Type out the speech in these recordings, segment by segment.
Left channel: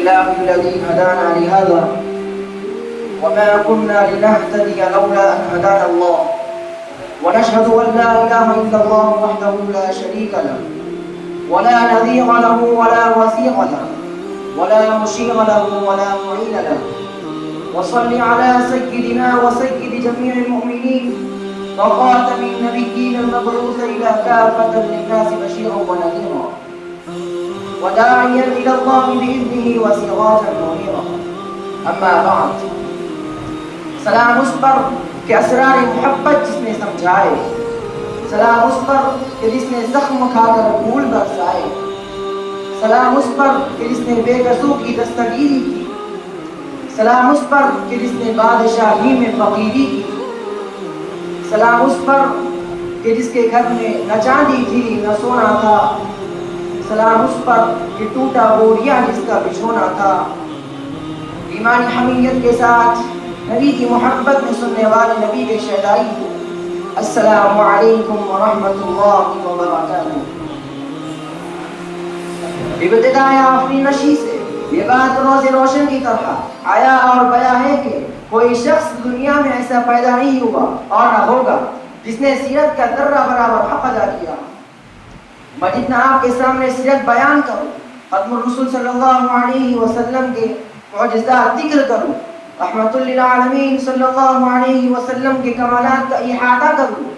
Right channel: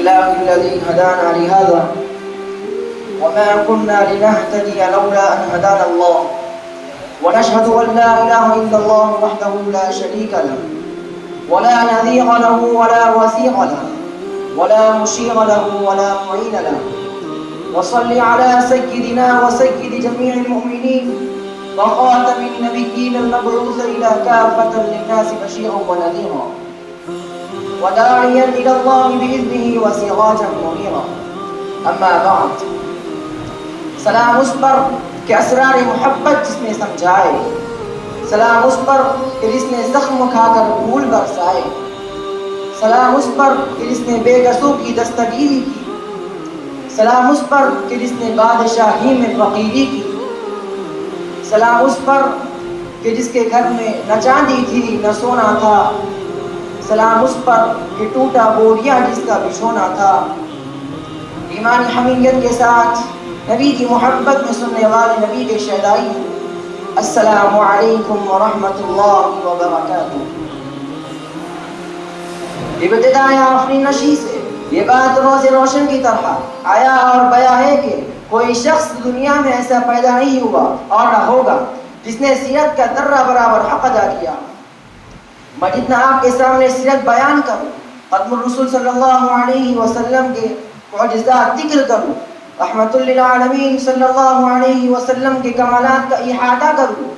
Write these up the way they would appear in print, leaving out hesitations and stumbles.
لله الذي هدانا لهذا وما كنا لنهتدي لولا أن هدانا الله ونشهد أن لا إله إلا الله وحده لا شريك له ولا نظير له ولا وثيق له ولا مشير له ولا معين له وصل على سيدنا وسيد جميع المؤمنين وخاتم النبيين المبعوث إلى كافة للناس بشيرا ونذيرا وداعيا إلى الله بإذنه وسراجا منيرا. أما بعد، سلام اس پر کہ اسرار محبت جس نے سمجھائے، سلام اس پر کہ جس نے زخم کھا کر پھول برسائے، سلام اس پر کہ جس نے بے کسوں کی دستگیری کی، سلام اس پر کہ جس نے بادشاہی میں فقیری کی، سلام اس پر کہ جس کے گھر میں نہ چاندی تھی نہ سونا تھا، سلام اس پر کہ ٹوٹا بوریا جس کا بچھونا تھا. ایمانی حمیت کے ساتھ نبی کی محبت میں سننے والے نبی کے شہدائی، السلام علیکم ورحمۃ اللہ وبرکاتہ. ابتداء آفرین نشی سے یہ بات روز روشن کی طرح آیا اور گیا ہے کہ کوئی شخص دنیا میں ایسا پیدا نہیں ہوا اور نہ ہوگا جس نے سیرت کا ذرہ برابر حق ادا کیا. میں جتنا آپ کے سامنے سیرت بیان کروں، ختم الرسول صلی اللہ علیہ وسلم کے معجزات ذکر کروں، رحمت للعالمین صلی اللہ علیہ وسلم کے کمالات کا احاطہ کروں،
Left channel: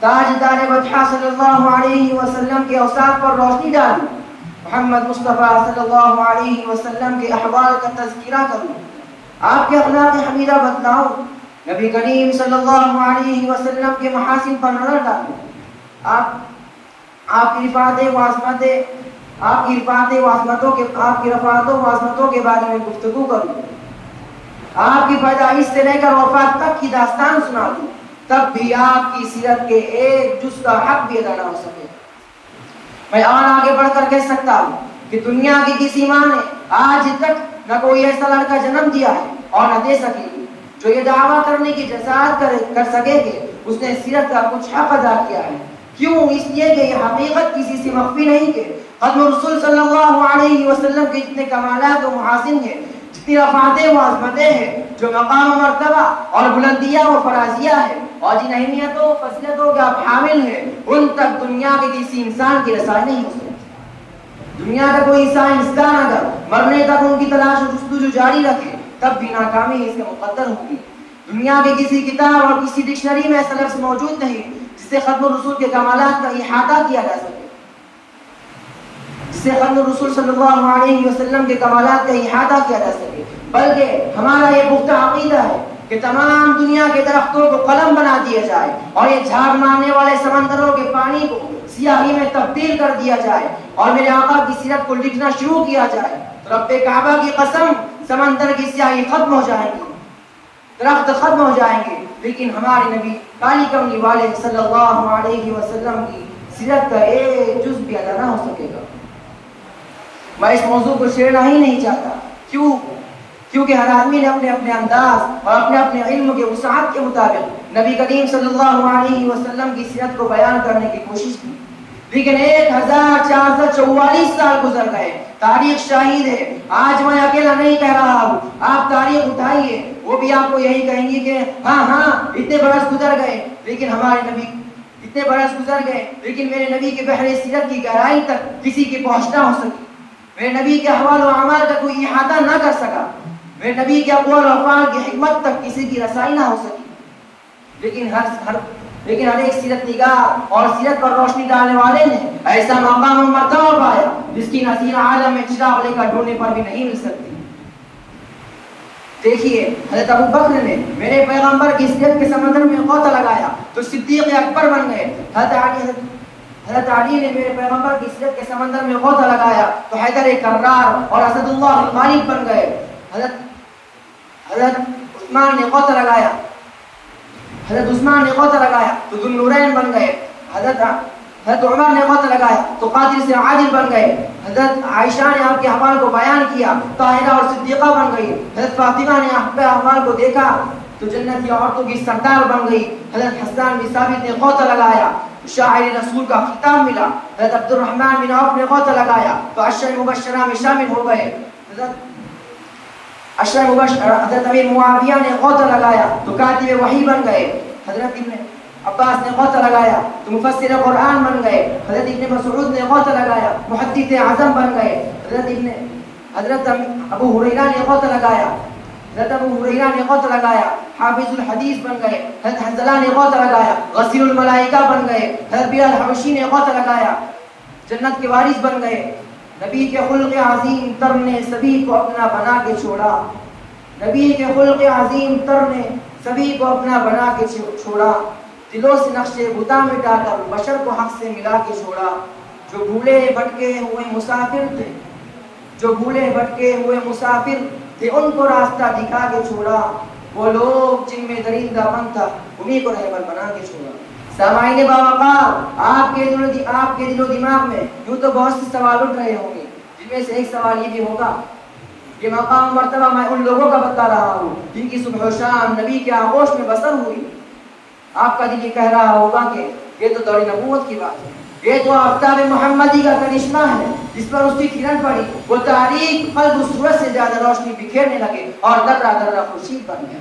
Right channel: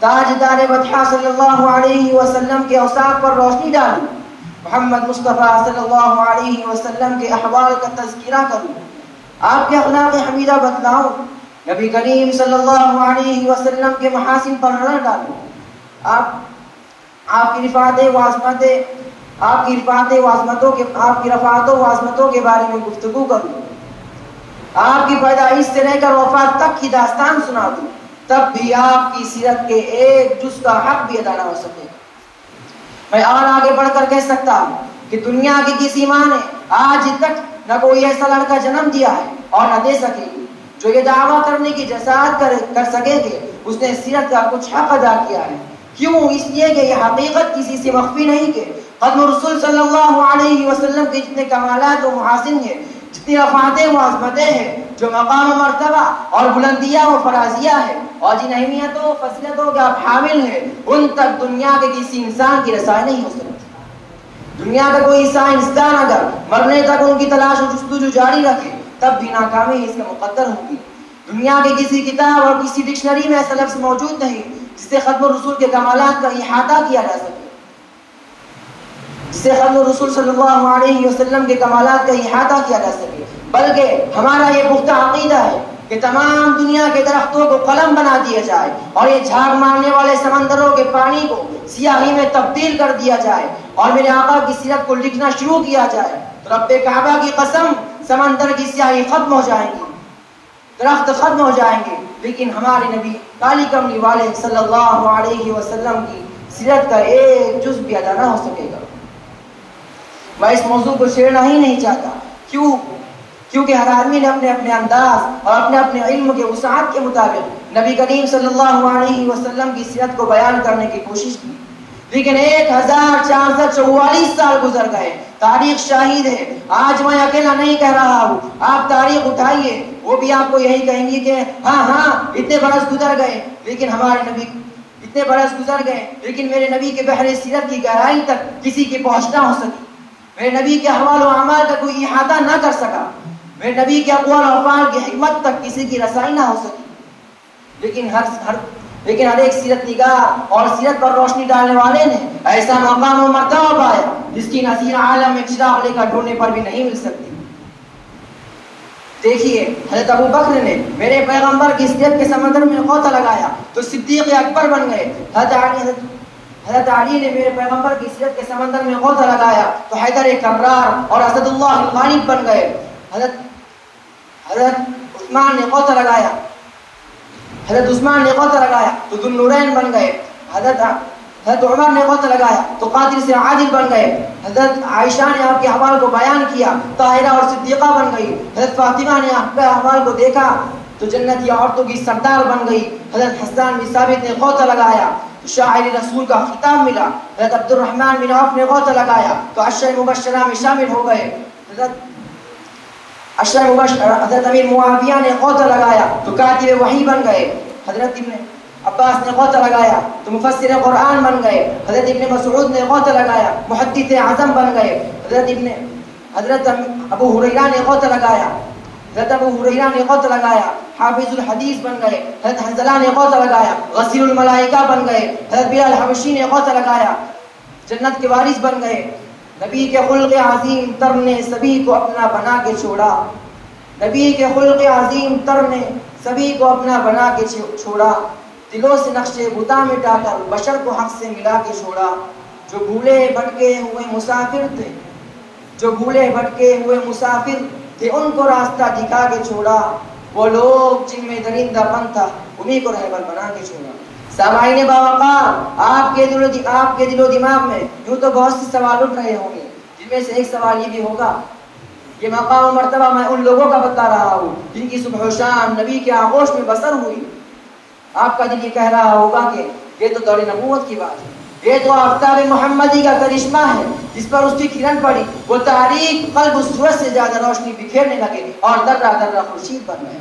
تاجدار مدحہ صلی اللہ علیہ وسلم کے اوصاف پر روشنی ڈالوں، محمد مصطفیٰ صلی اللہ علیہ وسلم کے احوال کا تذکرہ کروں، آپ کے اخلاق حمیدہ بتلاؤں، نبی کریم صلی اللہ علیہ وسلم کے محاسن پر نظر ڈالوں، آپ کی رفعت و عظمتوں کے بارے میں گفتگو کروں، آپ کی پیدائش سے لے کر وفات تک کی داستان سنا دوں، تب بھی آپ کی سیرت کے ایک جز کا حق بھی ادا نہ ہو سکے. میں اور آگے بڑھ کر کہہ سکتا ہوں کہ دنیا کی کسی ماں نے آج تک نہ کوئی ایسا لڑکا جنم دیا ہے اور نہ دے سکے گی جو یہ دعویٰ کرنے کی جسارت کر سکے کہ اس نے سیرت کا کچھ حق ادا کیا ہے. کیوں؟ اس لیے کہ یہ حقیقت کسی سے مخفی نہیں کہ ختم رسول صلی اللہ علیہ وسلم کے جتنے کمالات و محاسن ہیں، جتنی رفعتیں و عظمتیں ہیں، جو مقام و مرتبہ اور بلندیاں و فرازیہ ہے اور جن اہمیتوں و فضیلتوں کا حامل ہے، ان تک دنیا کے کسی انسان کی رسائی نہیں ہو سکتی. دنیا کا کوئی سائنسدان اگر مرنے تک ان کی تلاش و جستجو جاری رکھے تب بھی ناکامی اس میں مقدر ہوگی. دنیا کے کسی کتاب اور کسی ڈکشنری میں ایسا لفظ موجود نہیں جس سے ختم الرسول کے کمالات کا احاطہ کیا جا سکے، جس سے ختم الرسول صلی اللہ علیہ وسلم کے کمالات کا احاطہ کیا جا سکے. بلکہ ہمارا یہ پختہ عقیدہ ہے کہ تمام دنیا کے درختوں کو قلم بنا دیا جائے اور یہ جھاگ مارنے والے سمندروں کے پانی کو سیاہی میں تبدیل کر دیا جائے اور میرے آقا کی سیرت کو لکھنا شروع کیا جائے. رب کعبہ کی قسم، سمندر کی سیاہی ختم ہو جائے گی، درخت ختم ہو جائیں گے، لیکن ہمارے نبی کالی کملی والے صلی اللہ علیہ وسلم کی سیرت کا ایک جز بھی ادا نہ ہو سکے گا. میں اس موضوع کو چھیڑنا ہی نہیں چاہتا. کیونکہ ہر آدمی نے اپنے اپنے انداز اور اپنے علم کے وسعت کے مطابق نبی کریم صلی اللہ علیہ وسلم کی سیرت کو بیان کرنے کی کوشش کی، لیکن 1444 سال گزر گئے. تاریخ شاہد ہے. آج میں اکیلا نہیں کہہ رہا ہوں، آپ تاریخ اٹھائیے، وہ بھی آپ کو یہی کہیں گے کہ ہاں اتنے برس گزر گئے، لیکن میرے نبی کے بحر سیرت کی گہرائی تک کسی کی پہنچ نہ ہو سکی، میرے نبی کے احوال و اعمال کا کوئی احاطہ نہ کر سکا، میرے نبی کے اقوال و افعال کی حکمت تک کسی کی رسائی نہ ہو سکی. لیکن ہر ایک سیرت نگار اور سیرت پر روشنی ڈالنے والے نے ایسا مقام و مرتبہ پایا جس کی نظیر عالم میں چراغ لے کر ڈھونڈنے پر بھی نہیں مل سکتی. دیکھیے، حضرت ابو بکر نے میرے پیغمبر کی سیرت کے سمندر میں غوطہ لگایا تو صدیق اکبر بن گئے. حضرت علی نے میرے پیغمبر کی سیرت کے سمندر میں غوطہ لگایا تو حیدر کرار اور اسد اللہ غالب بن گئے. حضرت عثمان نے غوطہ لگایا تو ذو النورین بن گئے. حضرت عمر نے غوطہ لگایا تو قادر سے عادل بن گئے. حضرت عائشہ نے آپ کے احوال کو بیان کیا، طاہرہ اور صدیقہ بن گئی. حضرت فاطمہ نے آپ کے احوال کو دیکھا تو جنتی عورتوں کی سردار بن گئی. حضرت حسان بن ثابت نے غوطہ لگایا تو شاعر رسول کا خطاب ملا. حضرت عبد الرحمن بن عوف نے غوطہ لگایا تو عشر مبشرہ میں شامل ہو گئے. حضرت امیر معاویہ نے غوطہ لگایا تو کاتب وحی بن گئے. حضرت ابن عباس نے غوطہ لگایا تو مفسر قرآن بن گئے. حضرت ابن مسعود نے غوطہ لگایا محدث اعظم بن گئے. حضرت ابو ہریرہ نے غوطہ لگایا. حضرت ابو ہریرہ نے غوطہ لگایا حافظ الحدیث بن گئے. حضرت حنظلہ نے غوطہ لگایا غسیل الملائکہ بن گئے. حضرت بلال حبشی نے غوطہ لگایا جنت کے وارث بن گئے. نبی کے خلق عظیم تر نے سبھی کو اپنا بنا کے چھوڑا. نبی کے خلق عظیم تر نے سبھی کو اپنا بنا کے چھوڑا. دلوں سے نقشے بتا مٹا کر بشر کو حق سے ملا کے چھوڑا. جو بھولے بھٹکے ہوئے مسافر تھے تھے ان کو راستہ دکھا کے چھوڑا. وہ لوگ جن میں درندہ پن تھا انہیں کو رہبر بنا کے چھوڑا. سامعین باوقار، آپ کے دل و دماغ میں یوں تو بہت سے سوال اٹھ رہے ہوں گے، جن میں سے ایک سوال یہ بھی ہوگا، یہ مقام و مرتبہ میں ان لوگوں کا بتا رہا ہوں جن کی صبح و شام نبی کے آغوش میں بسر ہوئی. آپ کا دل یہ کہہ رہا ہوگا کہ یہ تو دور نبوت کی بات ہے، یہ تو آفتاب محمدی کا کرشمہ ہے جس پر اس کی کرن پڑی، وہ تاریخ قلب اس سورج سے زیادہ روشنی بکھیرنے لگے اور درہ درہ خورشید بن گئے.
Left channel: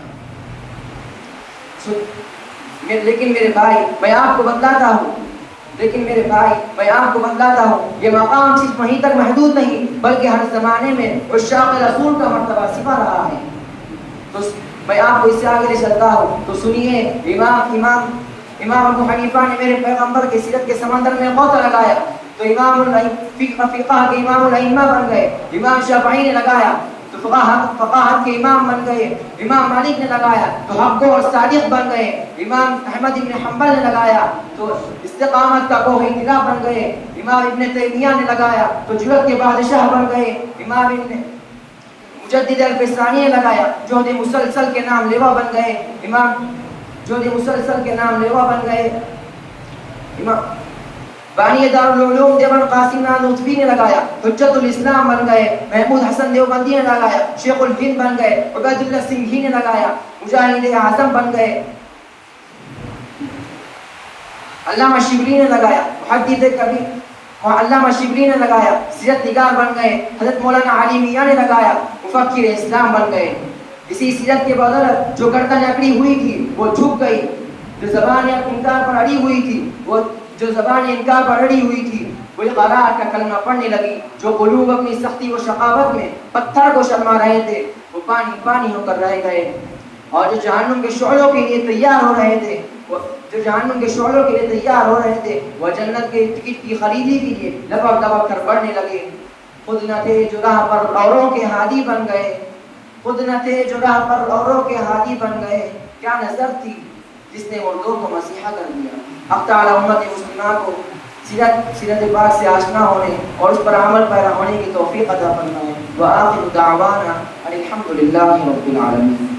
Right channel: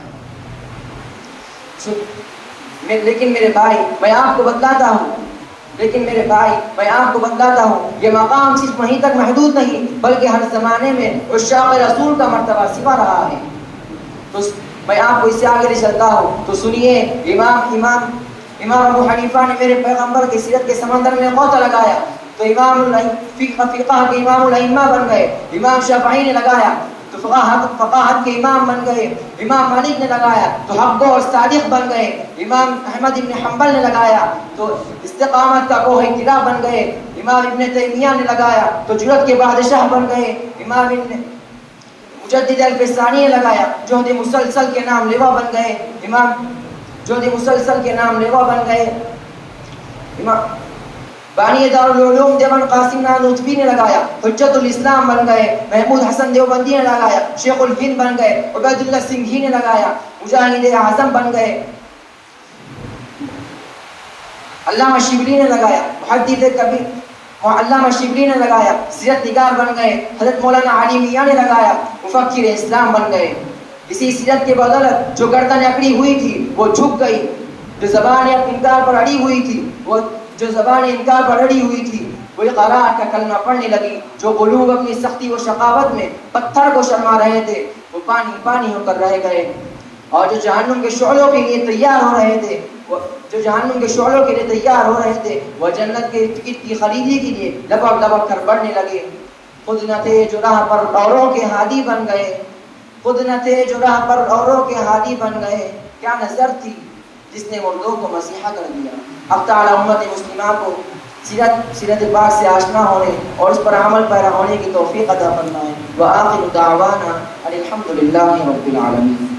لیکن میرے بھائی میں آپ کو بتلاتا ہوں یہ مقام صرف وہیں تک محدود نہیں بلکہ ہر زمانے میں عشاق رسول کا مرتبہ سپا رہا ہے. تو میں آپ کو اس سے آگے لے چلتا ہوں تو سنیے. امام ابو حنیفہ نے میرے پیغمبر کی سیرت کے سمندر میں غوطہ لگایا تو فقہ کے امام الائمہ بن گئے. امام شافعی نے لگایا تو فقاہت کے امام بن گئے. امام مالک نے لگایا تو حق اور صادق بن گئے. امام احمد ابن حنبل نے لگایا تو استقامت کا کوہ طلا بن گئے. امام ابن تیمیہ نے لگایا تو جرأت کے بادشاہ بن گئے. امام ابن مجدد الفسانی نے لگایا جہد مسلسل کے نام لیوا بن گئے. امام جہد مسلسل کے نام لیوا بن گئے. امام بانی دارالعلوم دیوبند قاسم نانوتوی نے لگایا حجت الاسلام بن گئے. محمود حسن دیوبندی نے لگایا شیخ الہند بن گئے. عبید اللہ سنگھی نے لگایا مجاہد اعظم بن گئے. علامہ شبلی نے لگایا محدث کبیر. علامہ شبلی نے لگایا سیرت نگار بن گئے. حضرت مولانا علی میاں نے لگایا مفکر اسلام بن گئے. اسی سیرت کے بدولت جو گردن اکڑی ہوئی تھی وہ جھک گئی، جو زبان انکار پر اڑی ہوئی تھی وہ اقرار کا کلمہ پڑھنے لگی. جو قلوب اپنی سختی و شقاوت میں پتھر کو شرما رہے تھے وہ پانی پانی ہو کر رہ گئے. اور جو جہنم کے شعلوں کے لیے تیار ہو رہے تھے وہ جنت کے ٹکٹ کی خریدی کے لیے لپک لپک کر بڑھنے لگے. خود نہ تھے جو راہ پر اوروں کے ہادی بن گئے. کیا نظر تھی جس نے مردوں کو مسیحا کر دیا. اب تعالی امت مسلمہ کو سیرت پاک سے آشنا ہونے اور اس پر عمل پیرا ہونے کی توفیق عطا فرمائے. وآخر دعوانا الحمد للہ رب العالمین.